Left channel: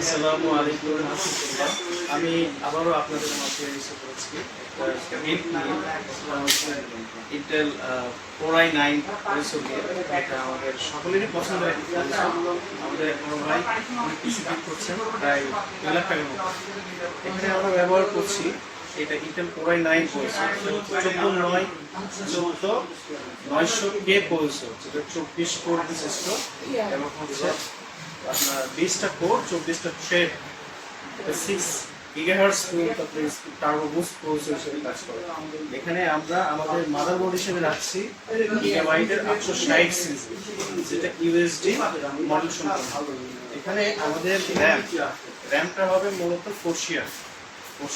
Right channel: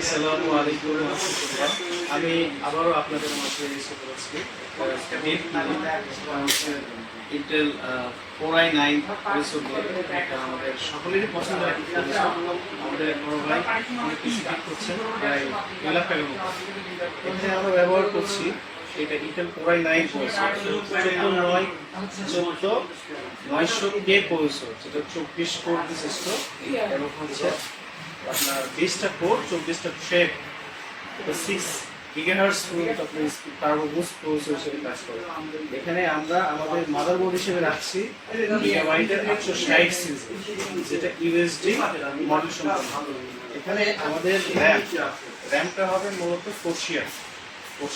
আসসালামু আলাইকুম রাহমাতুল্লাহ। আমি আবারও আপনাদের মাঝে এসে পড়েছি একটা ডেট নিয়ে ইন্টেল Core i9 প্রসেসর নিয়ে। এটা আমাদের সকলেরই পছন্দের একটা প্রসেসর। আমাদের এক বড় ভাই অনেক কিছু বিট করছেন, প্রায় 2 লাখ টাকার মতো। এখানে আমরা ব্যবহার করছি এটা Intel Core i9 processor, 14900K processor, যেটা 24 কোর বিশিষ্ট এবং হচ্ছে আপনার 20টা কোর 24টা থ্রেড, এটা 6 গিগাহার্টজ টার্বো বুস্ট প্রসেসর হিসেবে কাজ করে। এখানে আমরা আমাদের মাদারবোর্ড হিসেবে রাখছি গিগাবাইটের 860 সিরিজ, যেটা ইউএসডি মডেল সম্পন্ন। এখানে আমাদের র্যামটা হবে মূলত 4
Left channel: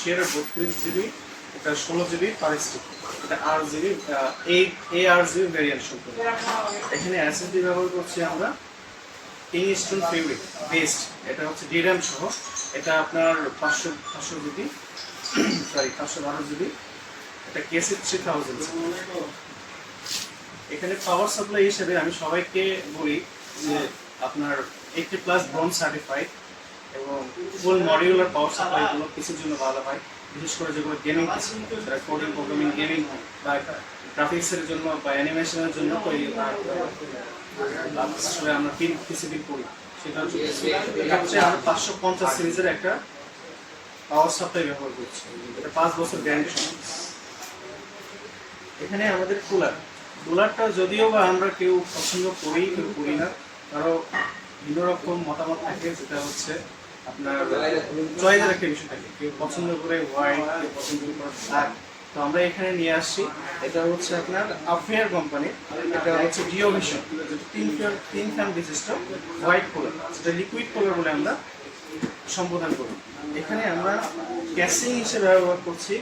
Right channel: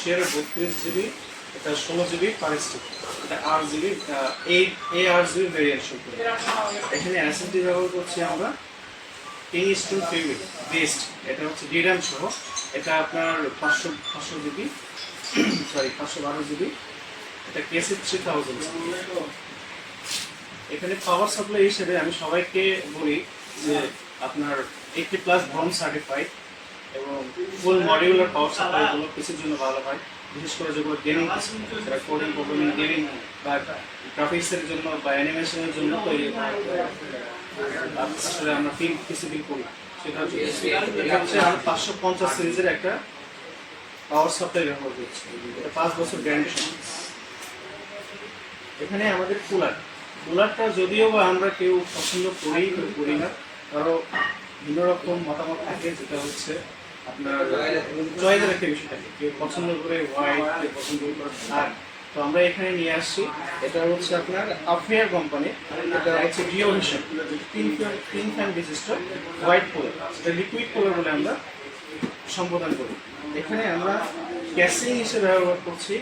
শেয়ারের 32 জিবি, এটা 16 জিবি পার স্টিক, এটা 8 জিবি 8 জিবি ভ্যারিয়েন্ট সম্পন্ন। এখানে এসএসডি ব্যবহার করছি আমরা কিংস্টোন ফেব্রিক বেস্ট, এটা হচ্ছে ডিরাম সহ। এটা আপনার 500 জিবি, সরি 512 জিবি, এটা কেসি 3000। এখানে পাওয়ার সাপ্লাই হিসেবে আমি সবাইকে বলি যে আপনার 80+ ব্রোঞ্জ সার্টিফাইড এবং ফুল মডিউলার পাওয়ার সাপ্লাইগুলো পিসির জন্য ভালো হয়, বিশেষ করে যেগুলো গেমিং পিসি, যারা কোডিং প্রোগ্রামিং গেমিং বা গ্রাফিক্সের জন্য বা অ্যানিমেশনের জন্য তৈরি আসলে আমরা পিসি বিল করি। সেটা হচ্ছে আমরা 550 সিরিজের একটা পাওয়ার সাপ্লাই ব্যবহার করছি, এটা 5 বছর গ্যারান্টি। এখানে আমাদের কুলারটা যদিও বা আমরা কেউ পছন্দ করি কেউ করি না, কারো ভিন্ন রকম মতামত থাকে, যেটা হচ্ছে আপনার চয়েসের একটা বিষয় থাকে, কেউ পছন্দ করে হোয়াইট, কেউ পছন্দ করে ব্ল্যাক। তো আমরা এখানে নিয়ে আসছি, এটা হচ্ছে আপনার আফেয়ার কোম্পানি, এটা হচ্ছে ডিওভিশন, তিন ফ্যান বিশিষ্ট হোয়াইট কুলার, যেটা লিকুইড কুলার বলে আমরা সম্বোধন করি। এখানে আমরা ক্যাসিং হিসেবে ব্যবহার করছি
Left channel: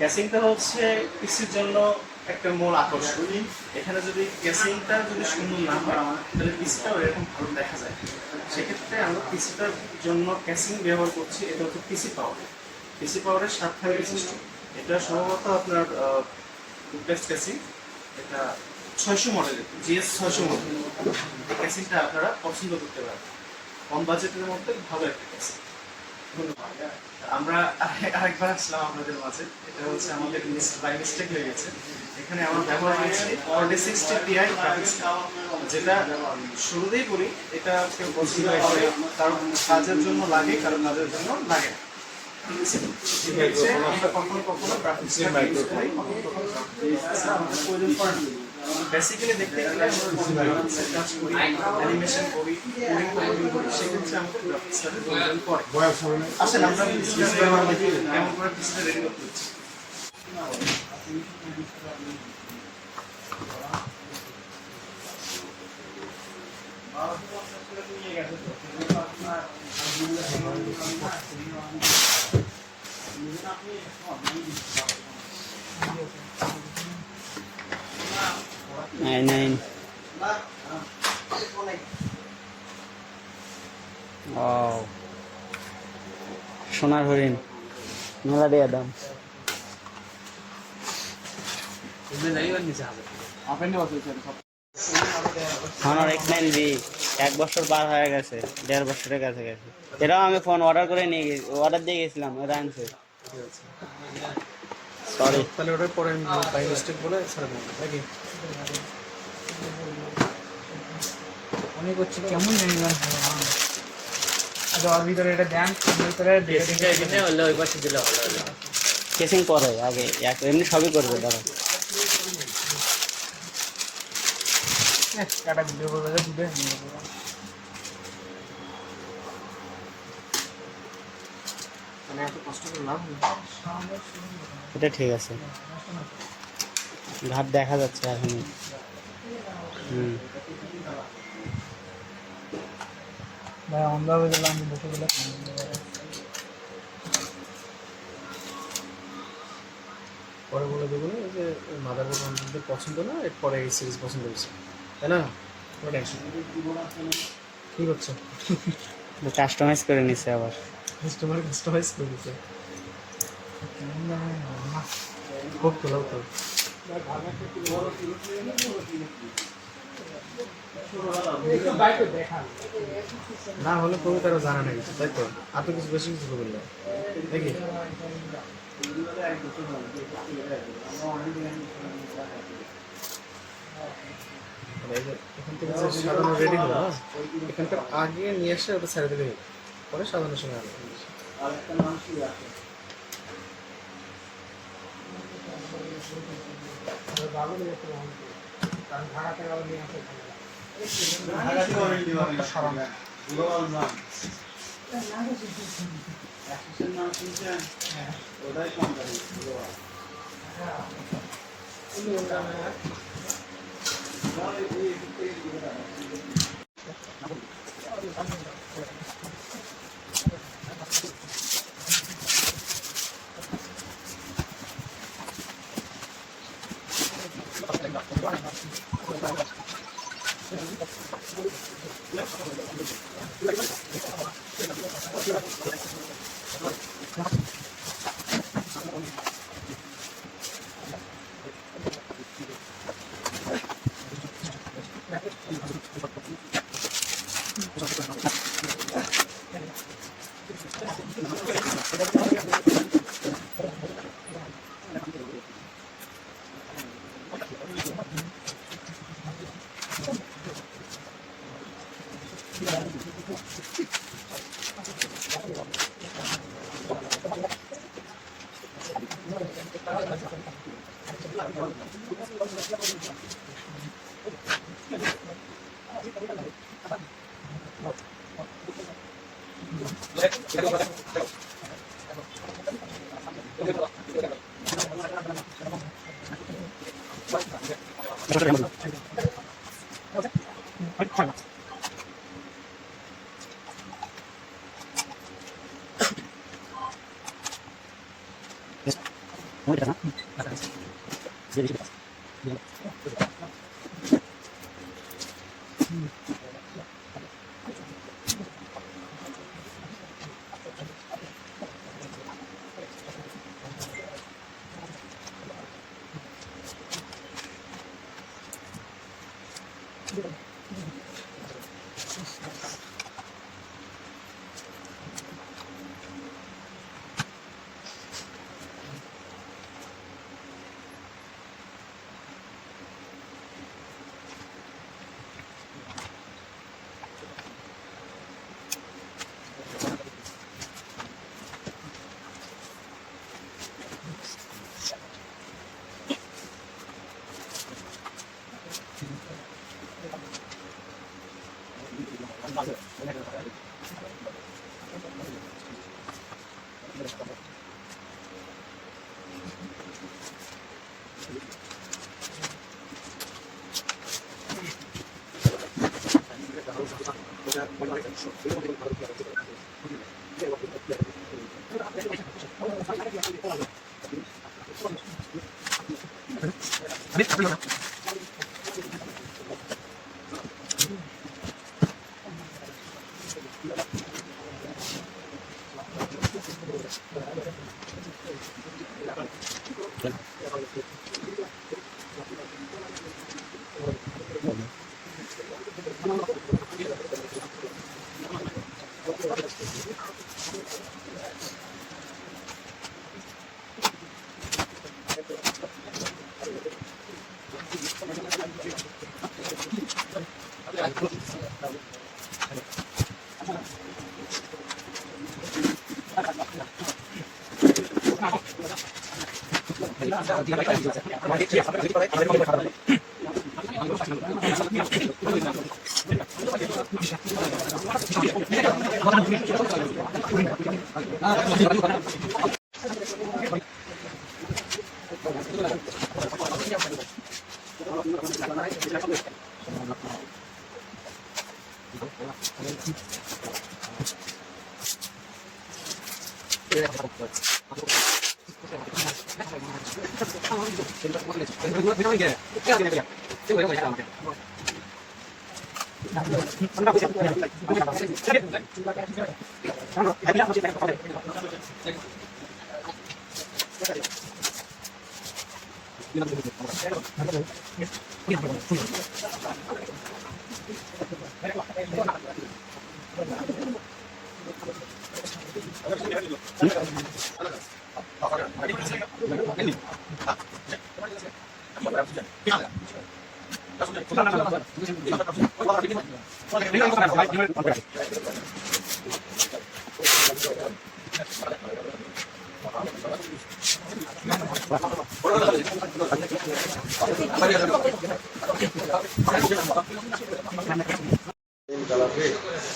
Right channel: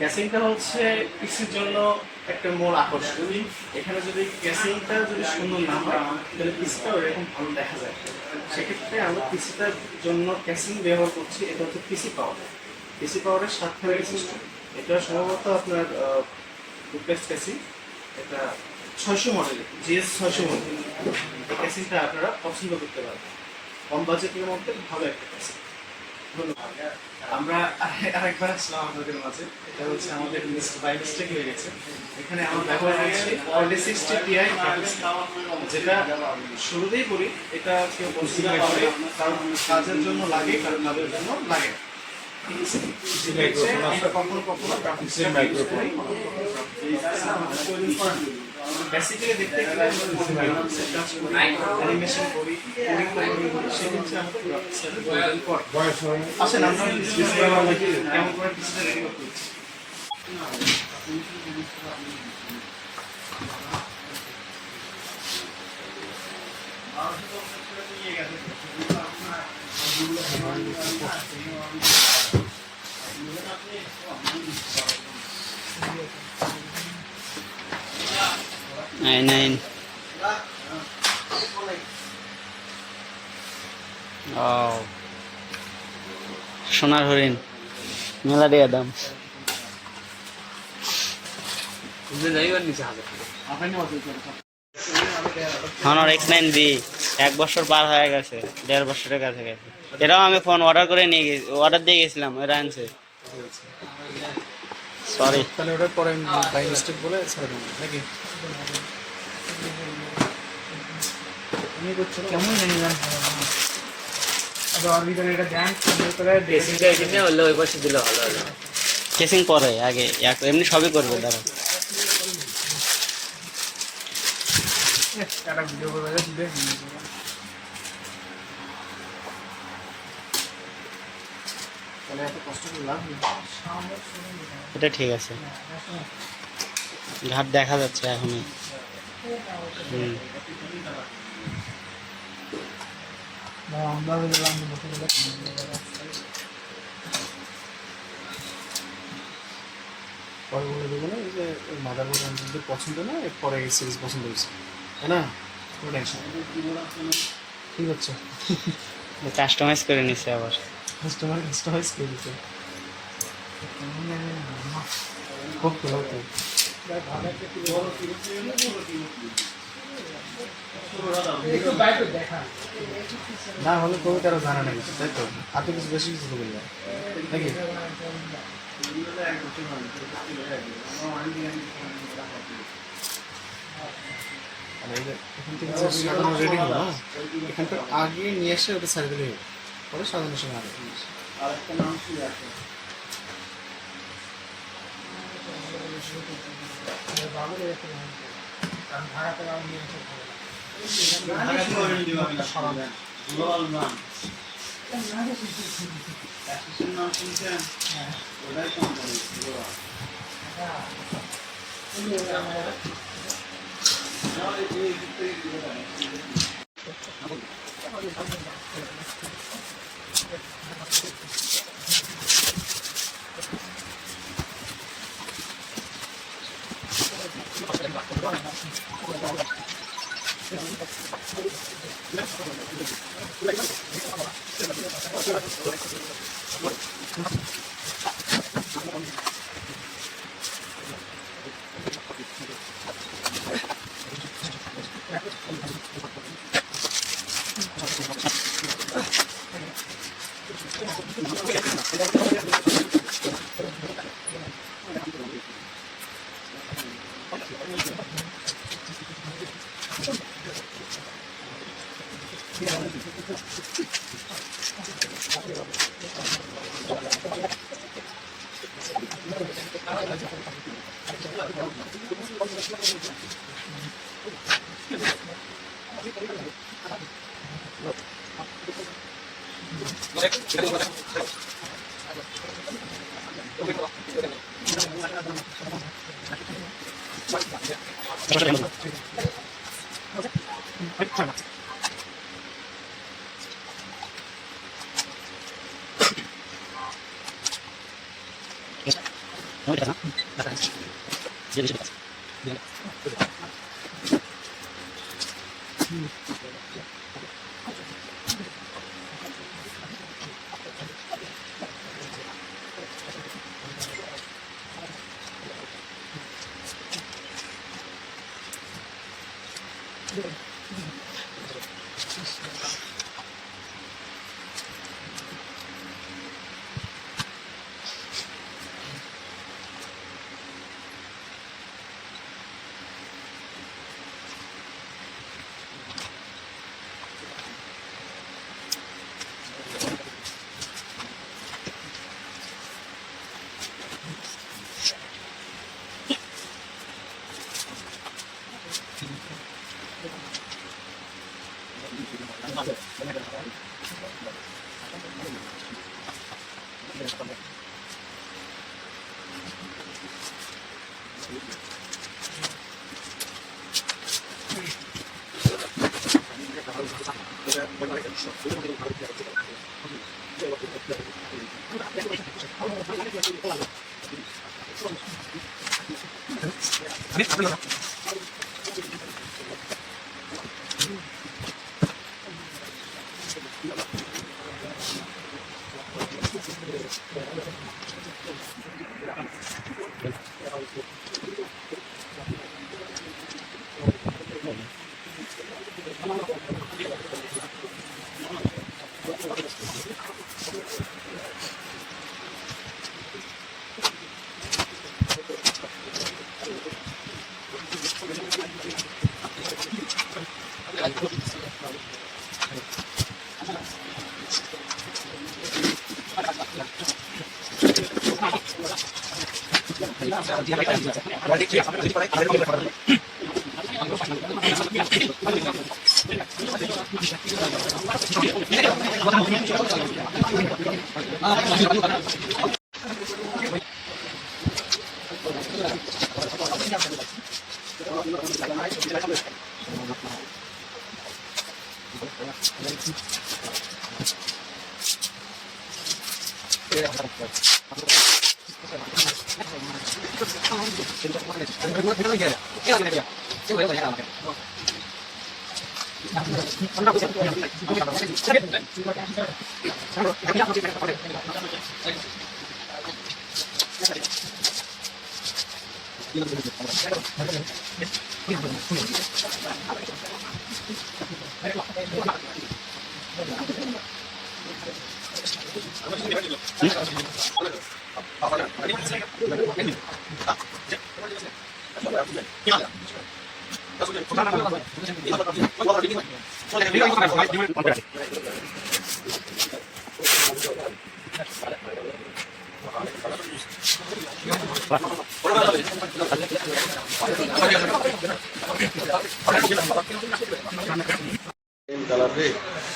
ক্যাসিংটা হচ্ছে পিসির জন্য একটা মূল আকর্ষণ। এখানে যদি ক্যাসিংটা যদি সুন্দর না হয় তাহলে পিসিটাও এরকম ভালো দেখা যায়। সেক্ষেত্রে আমরা পিসিটার জন্য ক্যাসিং ব্যবহার করছি, এটা হচ্ছে পিসি পাওয়ারের 7 ফ্যান বিশিষ্ট। এটা সম্ভবত আপনার ডুপ্লেক্স ক্যাসিং, এটা 600 মডেলের GS 600 মডেল। এই ক্যাসিংটা আপনারা পছন্দ করতে পারেন, কম বাজেটের মধ্যে ভালো একটা ক্যাসিং। ধন্যবাদ। আমরা আরেকবার আসলাম আপনাদের মাঝে, এটা হচ্ছে আমাদের বাই মিস্টেক হয়ে গেছে। এখানে আমরা ব্যবহার করছি 4060 Ti গ্রাফিক্স, যেটা শুরুতেই বলি এটা কেউ পছন্দ করে, কারণ কাজের জন্য লাগে, কারণ কাজের জন্য লাগে না। ঠিক আছে, আমরা কখনো গ্রাফিক্স আমাদের প্রয়োজন পড়ে না। বেসিক্যালি দেখতে গেলে আমরা কাজ করি, অ্যানিমেশন করি, কোডিং করি, সেক্ষেত্রে আমাদের গ্রাফিক্সের প্রয়োজন পড়ে। আসেন আমরা কেমন করে পিসিটা রেডি করতে হচ্ছে। i9 সোনার হরিণ মেলা দিয়ে দাম। হনর X9B 1 বছর পার হয়ে গেছে, 1.5 বছরের কাছে গেছে। এটাও আমি ফোন অর্ডার দিয়ে গেছিলাম, ওরা আনছে। সরি, তাহলে ওটা পরে বাই মিস্টেক বলে ছেড়ে দেবো নাকি? আমি করছি কেমন জানি না। আচ্ছা, আর ভিতরে এটা দেন, ভিতরে ড্রেসিংটা এখানে হলো, ওই পাশে দিলে ভালো হবে। কেসিং পরে আগে এমনি সবই করবো, দাঁড়াও। একটা ভিডিও করে দিবে, তাহলে এত কষ্ট করে লাভ নেই। এটা ঠিক আছে, ঘাট দেখা যাচ্ছে এখনই। আমরা হয়ে গেলাম বসে গেলে পরে বলে দেবো না যে মাদারবোর্ড আমাদের পছন্দ না, এরপরে এই সিরিজ পছন্দ হয়েছে, তাই না? ঠিক হচ্ছে, কাস্টমাইজ করে নিছে আবার, কাস্টমাইজ করে দিচ্ছে। খুব ভালো তো না হলে কবিতারও জানা নেই তাই তো আর তো কিছু বেশি কিছু কবি না নাকি মানে এই যে এখান থেকে যে সাজানো রেডি হলো না এখানটা আগে নিয়ে এসে ওটা ছেড়ে দিলেই হবে পরে সাজানোর সময় হবে আরেকটা নাম ছিল আছে গ্লোবাল মান অ্যাসোসিয়েশন নাম শুনছেন ওটাই কোম্পানি গ্লোবাল Thank you.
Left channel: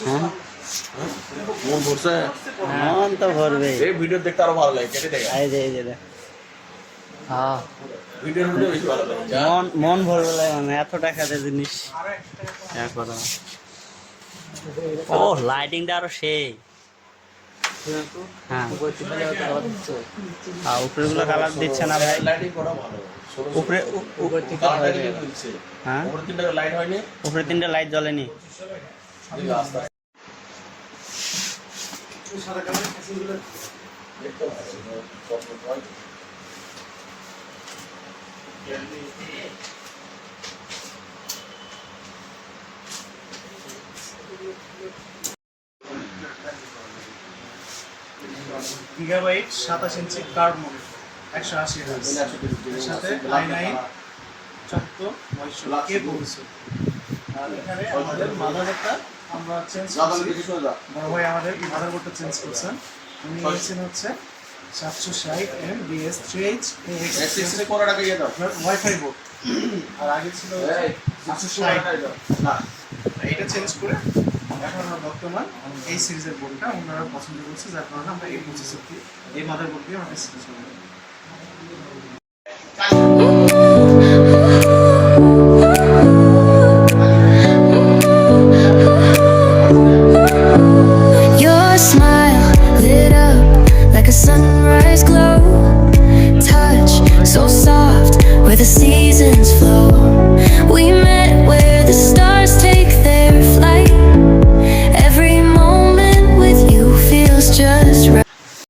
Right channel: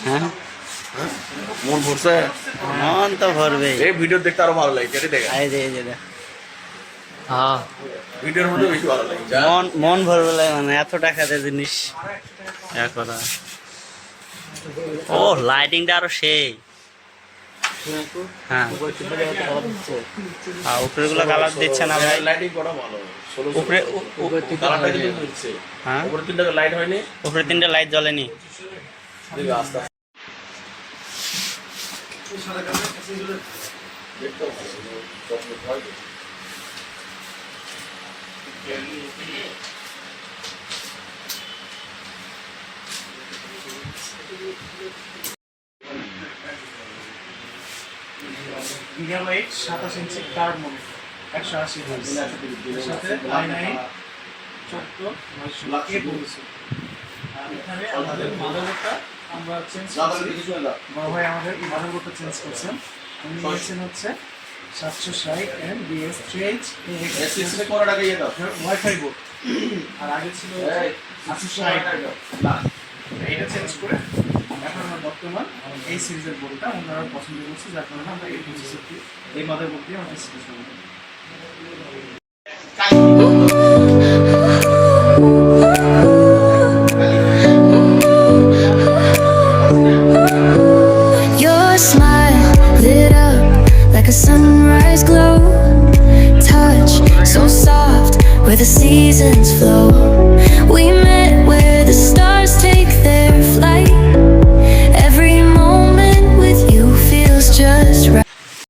হ্যাঁ, মন ভরছে মন তো ভরবে। এই ভিডিও দেখতে আরো ভালো লাগে কেটে দেখে এই যে দেখ। হ্যাঁ, ভিডিওর মধ্যে বেশি ভালো লাগে মন ভরবে লাগে মানে এত টাকা দিয়ে জিনিস এক কথা। ও লাইটিংটা আরো সেই। হ্যাঁ, উপরে গুলো কালার দিচ্ছে না ভাই। লাইটিং করা ভালো উপরে কালারটা কিন্তু দিচ্ছে হ্যাঁ, উপরে তিনটা লাইট হয়নি উপরে 3টে লাইট জ্বলেনি। দেখো আস্তে আস্তে দেখতে ভালো গিগাবাইট 27 ইঞ্চি কার্ভ মনিটর 180 হার্জ এর সাথে i9 14 কে বলছো। আর এখানে আমাদের মাদারবোর্ডটা আমরা চেঞ্জ করছি। বড় ভাই আমাদের মাদারবোর্ডটা চেঞ্জ করছেন। উনি নিয়েছেন হচ্ছে 760 এম বিএস 3H এক্সেসে কোন টাকা ইয়ে দাও ওয়াইফাই বোর্ড। আর আগে ছিল 860। এটা চেঞ্জ করে এখন আমরা বর্তমান এই সিরিজের বোর্ডটা ওনারা পছন্দ করছে, যার কারণে আমরা এই প্রসেসরটি এই মাদারবোর্ড দিয়ে আমরা সিরিজ করব। Your smile lit up like a sunrise glow. Touch so soft where the seasons flow.